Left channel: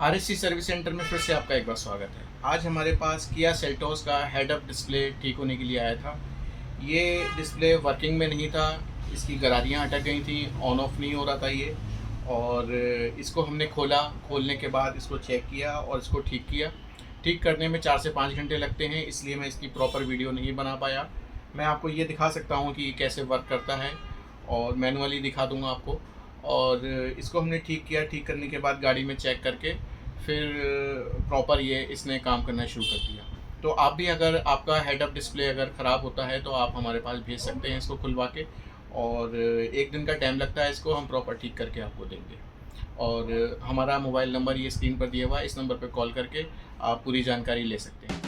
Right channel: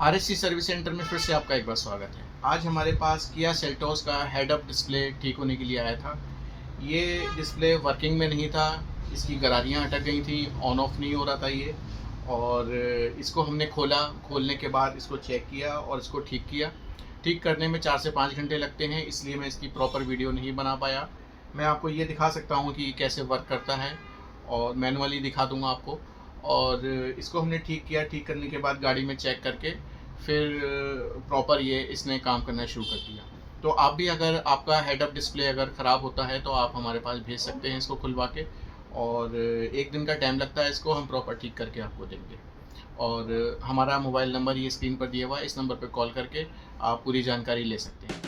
RSC service centre में फिर से आपका एक बार स्वागत है। आज हमारे पास किया सेल्टोस का हेड अप डिस्प्ले ठीक होने के लिए आया था। ये डिस्प्ले वर्किंग में नहीं था, इसकी गरारियाँ अटक गई थी, ऑन ऑफ नहीं हो रहा था ये। और इसको हमने खोला, खोलने के बाद इसको चेक किया और इसको ठीक किया। ठीक करने में 4 से 5 घंटे लगते हैं, इसलिए मैं इसकी प्रॉपर वीडियो नहीं बना पाया। मैं आपको ये दिखा सकता हूँ कि कैसे वर्क करता है और मैनुअली दिखा दूँगा आपको। और इसको हमने ठीक किया, ठीक करने के बाद गाड़ी में चेक करके फिर प्रॉपर ये इसने काम करना शुरू कर दिया। तो आप भी अगर आपका हेड अप डिस्प्ले अगर ख़राब होता है तो आप हमारे पास भेज सकते हैं इसको खुलवा के। और 1 दिन का टाइम लगता है, इसको हम प्रॉपर ठीक करके आपको देंगे। और हमारा मोबाइल नंबर ये स्क्रीन पर दिया हुआ है, इस नंबर पर कॉल करके आप पूरी जानकारी ले सकते हैं।